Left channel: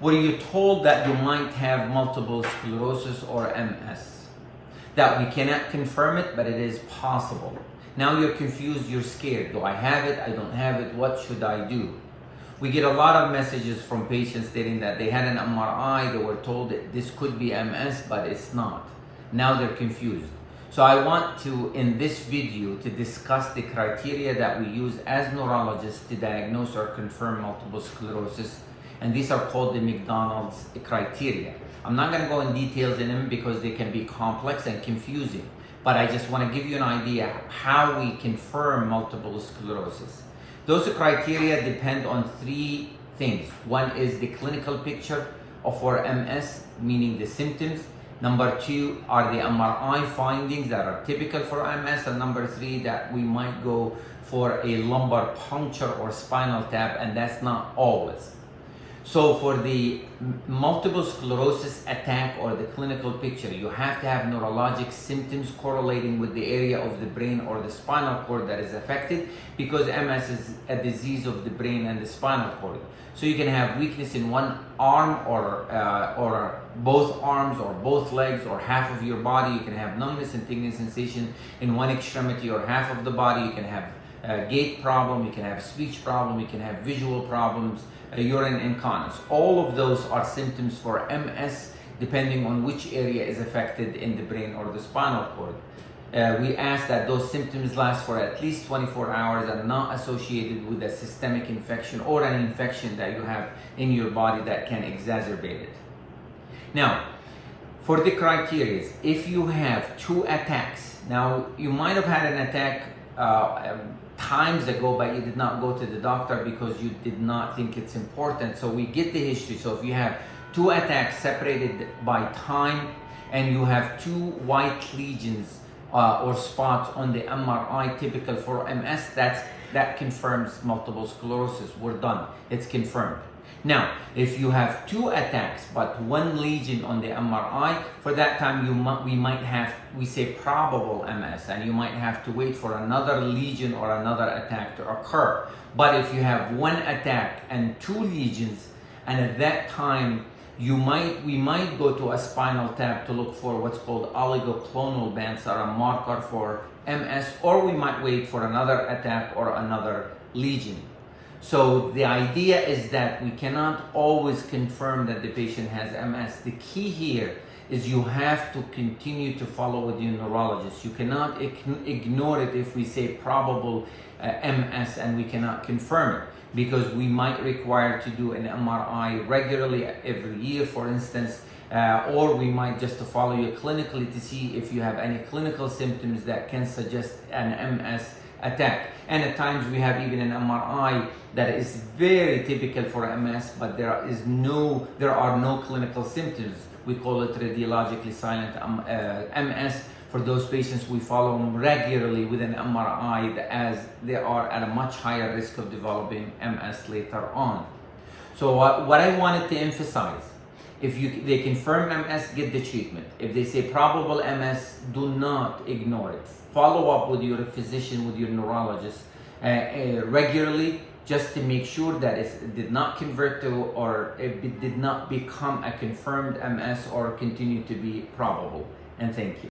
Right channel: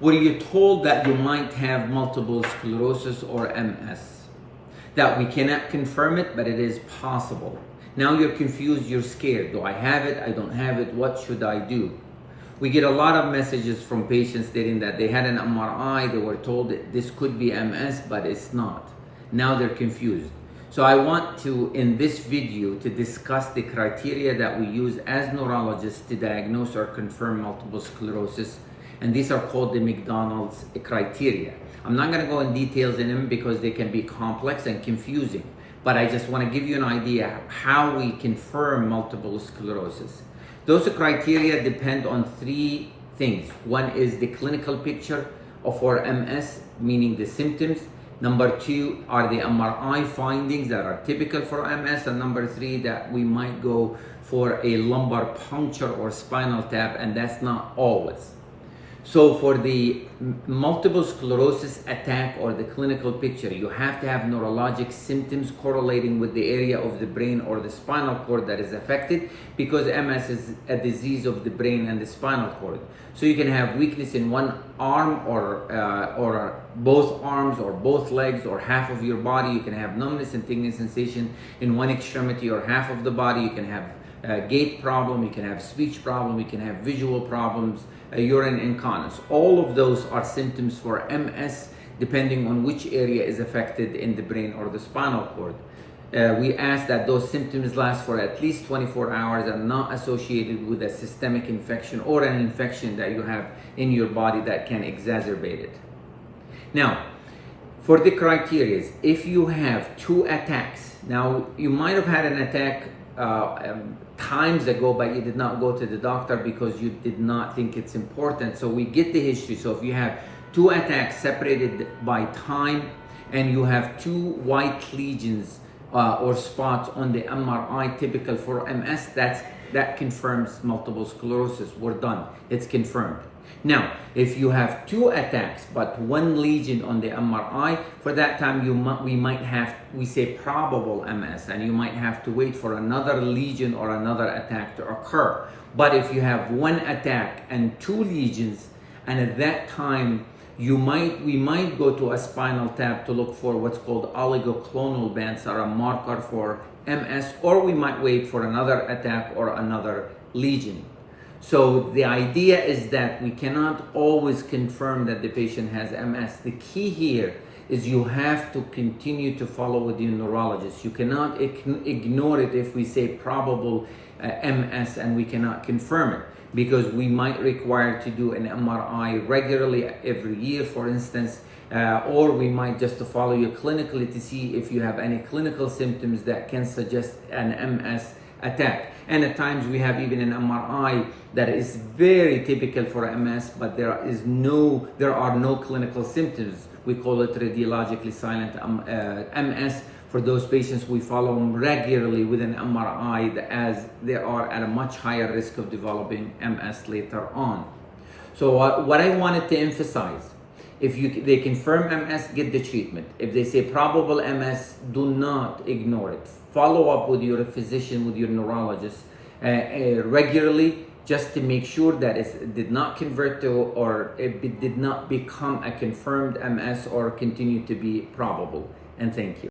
were you told that you might have multiple sclerosis or MS? That we cannot confirm it, but it is possible. Now you're confused, you're scared. Do I have it? I don't have it. What should I do? We get a lot of messages from patients stating that they had an MRI, they were told that this could be MS, but it's not. Now they're confused. So I want to, in this video, to discuss the criteria that we use as neurologists to diagnose or confirm multiple sclerosis. And these are called the McDonald's criteria. I'm not going to go in details in them because they can be complex and confusing. But I just want to give you an idea how we confirm multiple sclerosis. Those criteria depend on three things. One is the clinical picture for MS, meaning the symptoms. Number two are the MRI findings that are typical for MS. And number three, that we might go for a lumbar puncture or spinal tap, and that's not always. So for the multiple sclerosis attack or the clinical picture, you have to have neurologic symptoms correlating with the area of the brain or the spinal cord that is affected, because MS is a disease of the brain and the spinal cord. So you can have weakness in one arm or both arms or both legs or half of your body. You can have numbness and tingling sensation in one extremity or half of the body. You can have a gait problem, you can have speech problem, you can have visual problems, urine incontinence. All of those are symptoms for MS depending on which area is affected in the brain or the spinal cord. We ask that those symptoms last for at least 24 hours and not associated with a systemic infection or an infection that you have in your body that can exacerbate it. Now, for the criteria, if you have two attacks, now you might have had an attack times ago, but you did not go to the doctor because you did not think it's important. So we get the history. So if you have two attacks separated by time and you have two white lesions or spots on the MRI typical for MS, that confirms multiple sclerosis. We're done. It's confirmed. Now, if you have two attacks but one lesion on the MRI, for that time we say probable MS, and you might have to wait for another lesion or another attack to occur. But if you have one attack and two lesions, and at that time we might go to a spinal tap to look for what's called oligoclonal bands, that are a marker for MS, or we might wait for another attack or another lesion. So the idea is that we cannot always confirm that the patient has MS. The key here is you have to continue to follow with your neurologist. You cannot ignore it if we say probable MS and we cannot confirm it, because we might require to do an MRI regularly every year, for instance, or we might just to follow you clinically to see if you have any clinical symptoms that can suggest an MS attack. And at times we have even an MRI that is very typical for MS, but there are no clinical symptoms. We call it radiologically silent MS. For those patients, we follow them regularly with an MRI, as they are at a much higher risk of developing MS later on. So what I wanted to emphasize, if they confirm MS, get the treatment. If they say probable MS, do not ignore it. Follow up with your physician, with your neurologist regularly, just to make sure that it did not convert to, or it did not become a confirmed MS or continue to be probable. And thank you.